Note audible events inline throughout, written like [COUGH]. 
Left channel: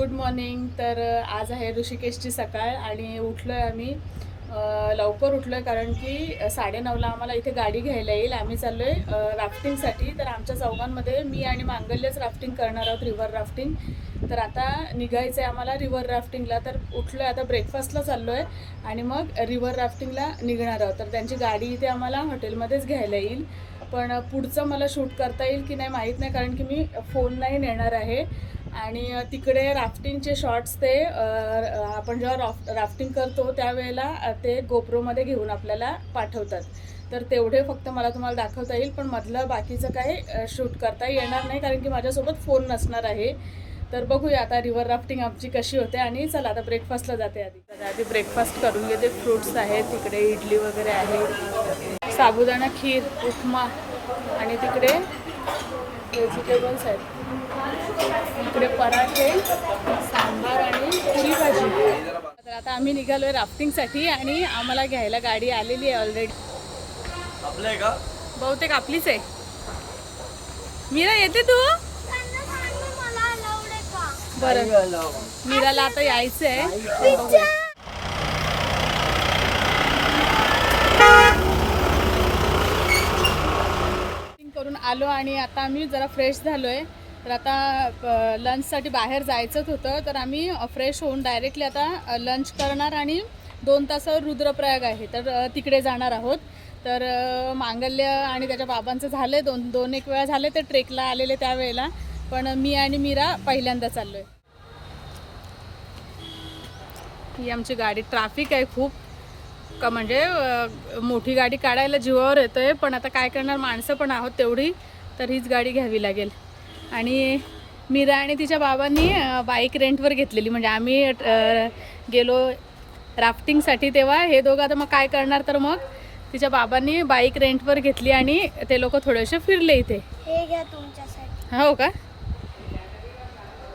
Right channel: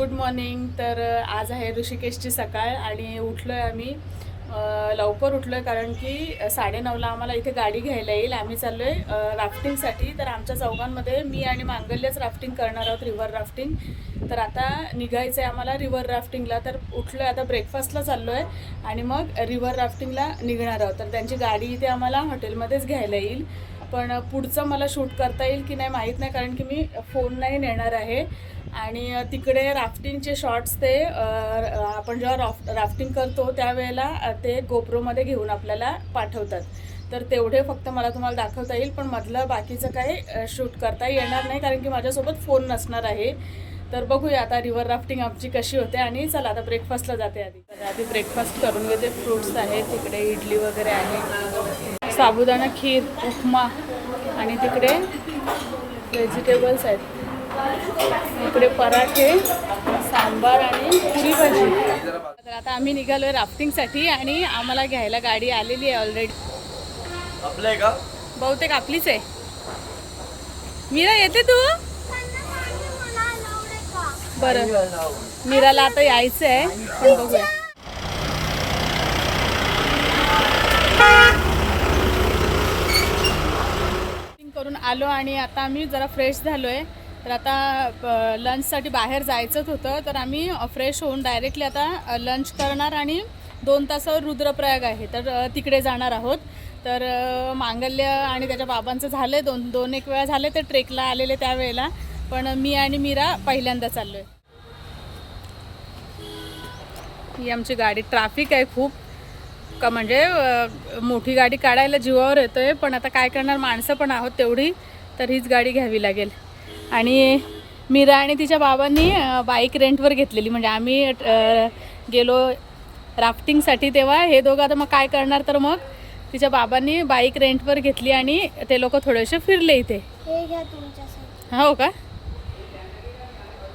Good morning. तर आज आहे ऋषिकेशची सकाळ आणि उठलो आहे आम्ही लवकर उठलो आहे कारण की साडेनऊला आम्हाला इथे गाडी घ्यायला येईल. आम्ही चाललो आहे राफ्टिंगसाठी तर आमच्या चौघांमध्ये मी आणि मांगल्यच राफ्टिंग करणार आहोत रिव्हर राफ्टिंग तर आता निघायचं आहे आम्हाला रिव्हर राफ्टिंगला तर उठलो आहे आता ब्रेकफास्टला चाललो आहे आणि मग रिव्हर राफ्टिंगला निघणार आहोत. तर त्यांची गाडी इथे आम्हाला हॉटेलमध्येच घ्यायला येईल. पण पुढचं मला शूट करता येईल की नाही माहीत नाही कारण की मी फोन नाही नेणार आहे. आणि तिकडे राफ्टिंगचे शॉर्ट्स ते आपण जेव्हा राफ राफ्टिंग करतो त्यावेळेला ते गोप्रोमध्ये घेऊन आपल्याला पाठवतात. तर तेवढे फक्त मला तुम्हाला दाखवता येईल पण मधलं बाकीचं काही शूट करता येणार नाही कारण की माझ्यासोबत फोन नसणार आहे. तर बघूया आता रिव्हर राफ्टिंग आमची कशी होते आणि चला आता ब्रेकफास्टला जाते आधी. तर आधी ब्रेकफास्ट करून घेते. फ्रुट्स आहेत तिकडे इडली वगैरे आहे साबुदाणा खीर उपमा आणि तिकडे व्हेजिटेबल्स आहेत. इकडे पराठे सांबार आणि पुरी भाजी. तर आता आम्ही निघालो आहे राफ्टिंगसाठी आणि आम्हाला घ्यायला गाडी आलेली आहे ऑलरेडी आपलं आहे का? बहुतेक आपलीच आहे. मीरा येते तू? बरं. मीराला आता यायचं आहे पण बघूया. करून आलो आणि आता आम्ही जरा फ्रेश झालो आहे तर आता लंचसाठी बाहेर जायचंच होतं. तर आम्ही फ्रेश होऊन डायरेक्टली आता लंच करणार आणि दोन तासावर रुद्रप्रयाग आहे. तर तिकडे जाणार आहोत. तर मांगल्य आणि त्याच्या बाबांचं झालं आहे दोन दोन एक वेळा झाले ते ट्रेकला आलेले त्यावेळेला पण मी आणि मीरा पहिल्यांदा चाललो आहे ही आमची गाडी ट्रॅफिक आहे खूप. का म्हणजे मोठी गाडी काढायला जीवावर येतो आहे पण आता काय करणार? माणसं पण आहोत तेवढी. तर हीच गाडी घ्यावी लागेल. आणि मीरा आणि तिच्या बाबांनी बाईक रेंटवर घेतलेली. म्हणजे आम्ही गेलो राफ्टिंगसाठी तेव्हा. हे दोघं आता मग काय करणार तर मग? तिच्या बाबांनी बाईक रेंटवर घेतली आणि ते लोक थोडेसे फिरले इथे. हे घ्या तुमच्यासाठी. हो का?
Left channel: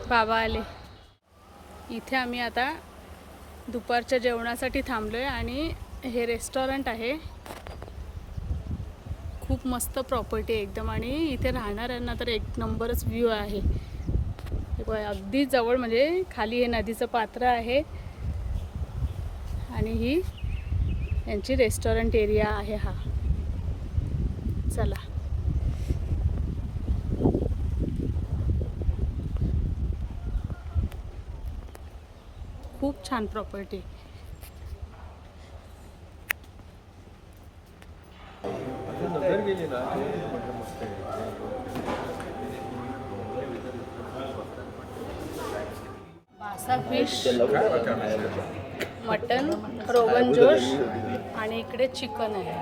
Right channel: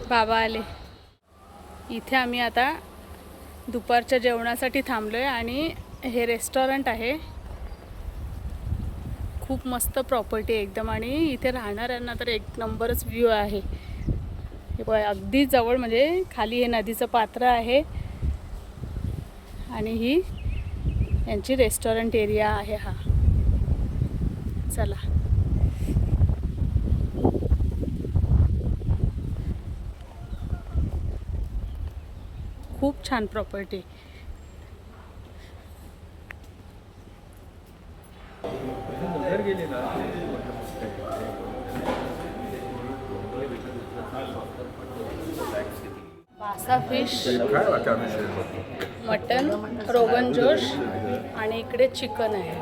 बाबा आले. इथे आम्ही आता दुपारच्या जेवणासाठी थांबलो आहे आणि हे रेस्टॉरंट आहे. खूप मस्त प्रॉपर्टी आहे एकदम. आणि इथे राहणाऱ्यांना तर एक नंबरच व्ह्यू आहे. हे अगदी जवळ म्हणजे खाली हे नदीचं पात्र आहे. आणि ही यांची रेस्टॉरंट एरिया आहे हा. चला. खूप छान प्रॉपर्टी बासा फिश मटन रोगन जोश आणि इकडे चिकन आहे.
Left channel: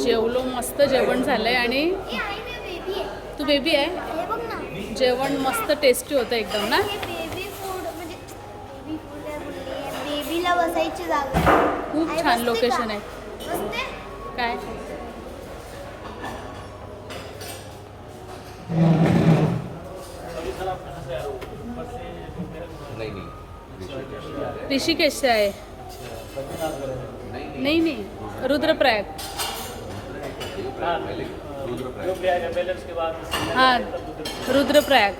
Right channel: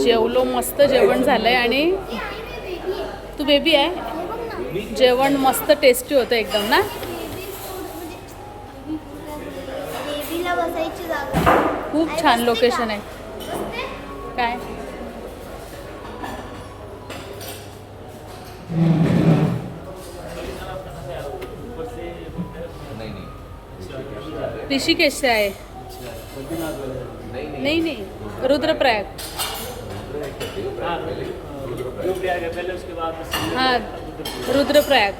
जेवलो मस्त जेवण झालंय आणि हे तू बेबी आहे? हे जेवण मस्त टेस्टी होतं एकदम ना? बेबी फूड म्हणजे बेबी फूड बेबीला बसायची जागा आहे. खूप छान लोकेशन आहे. बसते? ऋषिकेश से आहे. नाही नाही. रुद्रप्रयाग. हा रुद्रप्रयाग.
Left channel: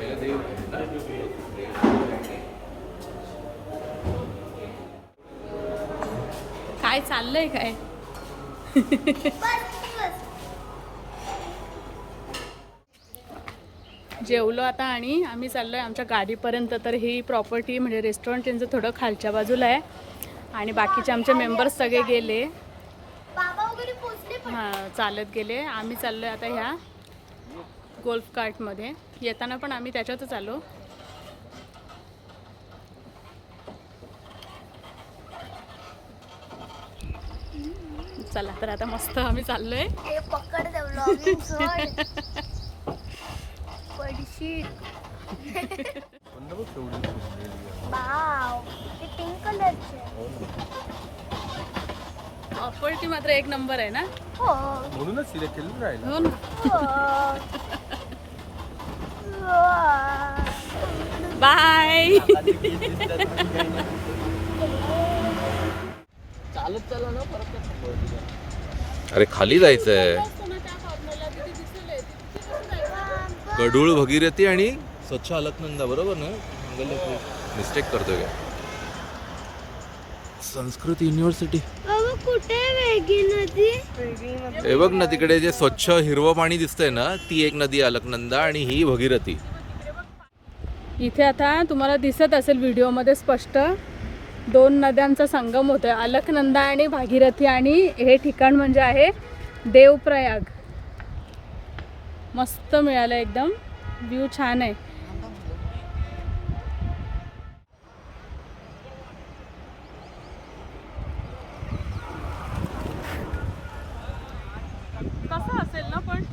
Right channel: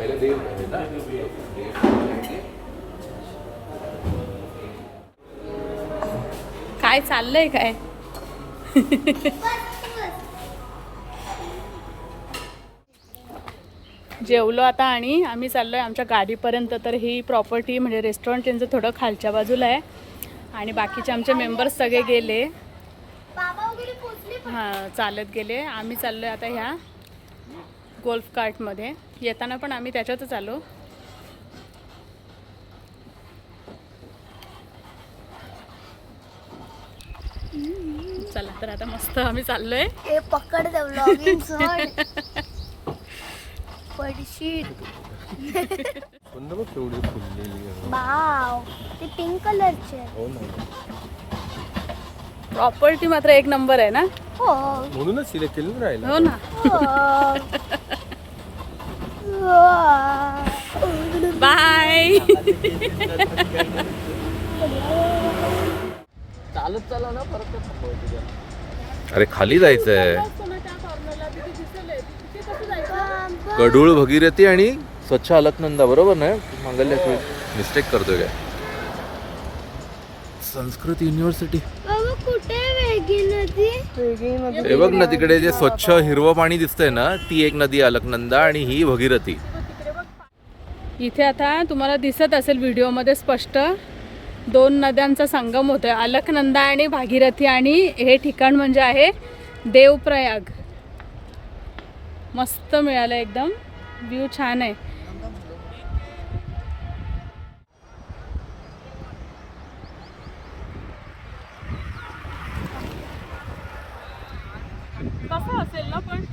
काय चाललंय काय? [LAUGHS] जेवलो आता आणि आम्ही चाललोय आमच्या गाडीपर्यंत. तर ही प्रॉपर्टी म्हणजे रेस्टॉरंट त्यांचं थोडं खालच्या बाजूला आहे. आणि बाकीचे आमचे मेंबर्स सगळे गेले. हां चालत गेले. आम्ही चाललोय आता ह्या गोल्फ कार्टमध्ये येताना पण आम्ही त्याच्यातच आलो. चला तर आता मस्त आम्ही चाललोय. [LAUGHS] पडशील वाव ते पिंक कलरचे प्रॉपर्टी मात्र एक नंबर आहे ना? हो. म्हणूनच सिलेक्ट केलं राहिलं. हो ना. बाय चालत चालव ना परत अरे खाली जायचंय. कडूळ भगीरथी आणि स्वच्छ अलकनंदा बरोबर ना? मंगल्याश्वरी मिस्टेक करतोय काय? संस्कृत युनिव्हर्सिटी बाबा कुठे वेगळी नदी? हे बघ ना तिकडे जे स्वच्छ हिरवं पाणी दिसतंय ना ती एक नदी अलकनंदा आणि ही भगीरथी. इथे आता तुम्हाला दिसत असेल व्हिडिओमध्ये स्पष्ट दोन नद्यांचा संगम होतोय. अलकनंदा आणि भागीरथी आणि हे ठिकाण म्हणजे आहे देवप्रयाग. मस्त मिळालं एकदम. व्ह्यू छान आहे. कसं असेल ना पण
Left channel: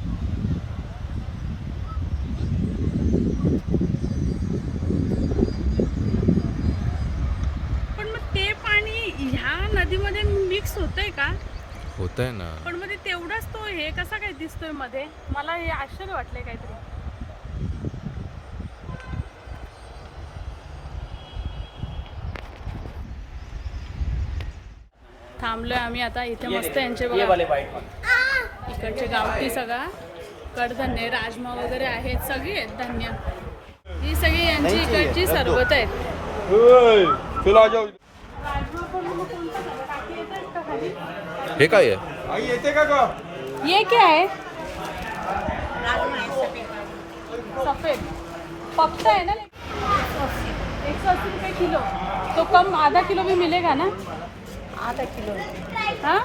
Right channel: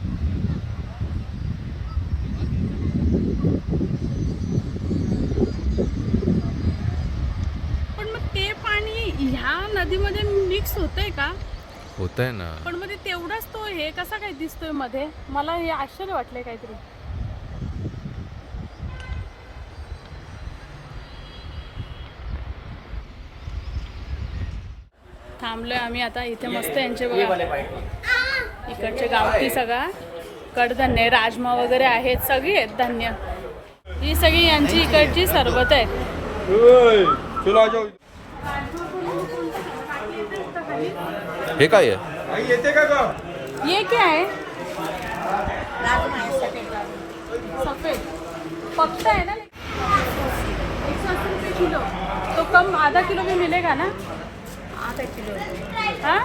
पण मग ते पाणी ह्या नदीमध्ये मिक्स होतंय का होत आहे ना. पण मध्ये तेवढाच तो हे कसा काय दिसतोयमध्ये? मला हे आश्चर्य वाटलंय काहीतरी. थांबलोय आम्ही आता इथे मस्त यांचे बघा. इकडचे गावठी सगळा. कडधान्य राजमा वगैरे आहेत सगळी आहेत धान्य. ही सगळी यांची इकडची सरबत आहेत. हे काय आहे? ये क्या है? सफेद. पकता है ना? एक सौ अस्सी रुपये किलो. तो कम आधा किलो भी मिलेगा ना? आधा किलो. हाँ?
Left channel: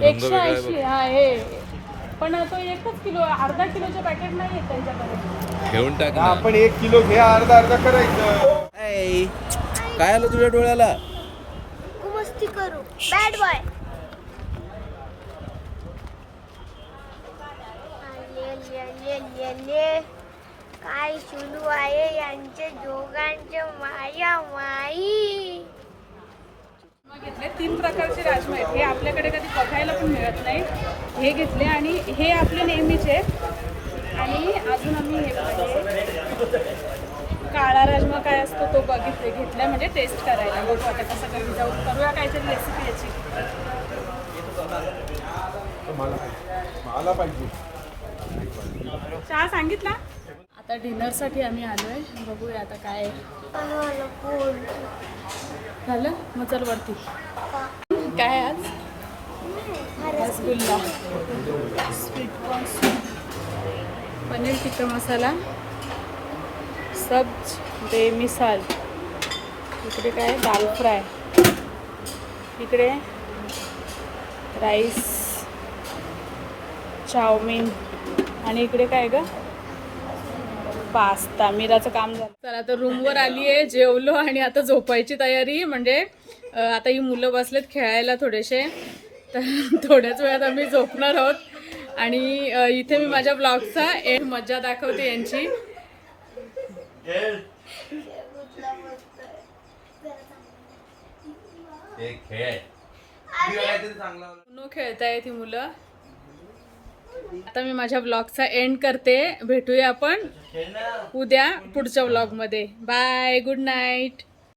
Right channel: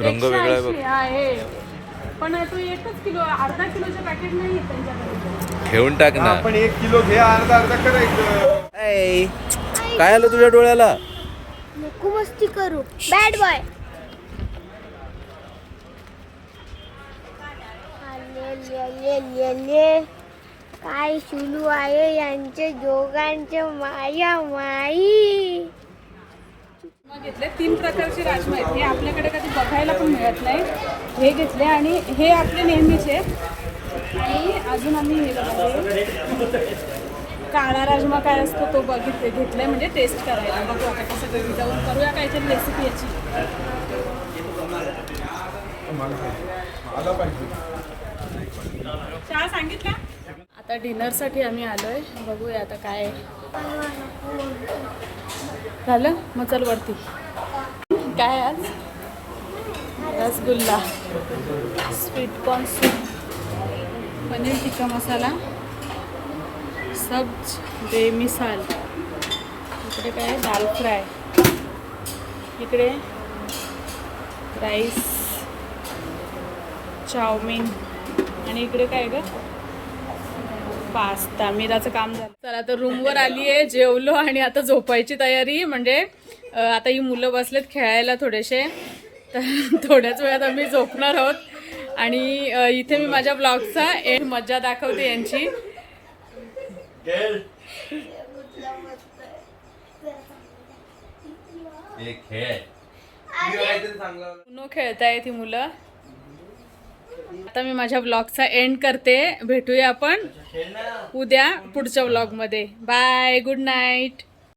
रंग वेगळा आहे बघ. 180, हा हे. पण तो एकच किलो अर्धा किलोचं पॅकेट नाही त्यांच्याकडे टाक ना. पण एक किलो घे अर्धा अर्धा करायचं ऐ, काय आलं तुझ्या डोळ्याला? नको मस्ती करू बॅड बॉय काय सुरू आहे यांच्या दोघांचे माया माई. घेतले. तीन प्रकारचे राजमा आहेत. हे आपल्याकडे कधी बघायला पण मिळत नाही. हे घेतले आणि हे आपले नेहमीचे. आणि अजून आम्ही हे बघा हे काळा राजमा काय असतो तो बघितले घेतलाय म्हणजे टेस्ट करायला. बघू आता कसं घरी जाऊन करूया काहीतरी रेसिपी याची. चहा सांगितला? आता डिनरसाठी आम्ही आलोय. बघूया आता काय आहे. झालं? मग चल वरती. काय आज? Rasgulla. Sweet corn soup paneer tikka masala. सब्ज बेमिसाल इकडे काय दाल फ्राय इकडे राईस चाऊमिन आणि इकडे काय ग? पास्ता मिराचं काम झालं. तर आता रूमवर आली आहे जेवलो आणि आता झोपायची तयारी म्हणजे आता ही मुलं बसलेत खेळायला थोडेसे. तर थोड्याच वेळात आम्ही झोपणार आहोत. आणि इथे मी माझ्या ब्लॉगचा एक मज्जा दाखवते यांची. उनो खेळतायत ही मुलं? आता मी माझ्या ब्लॉगचा एंड करते. भेटूया आपण उद्या पुढच्या ब्लॉगमध्ये बाय गुड नाईट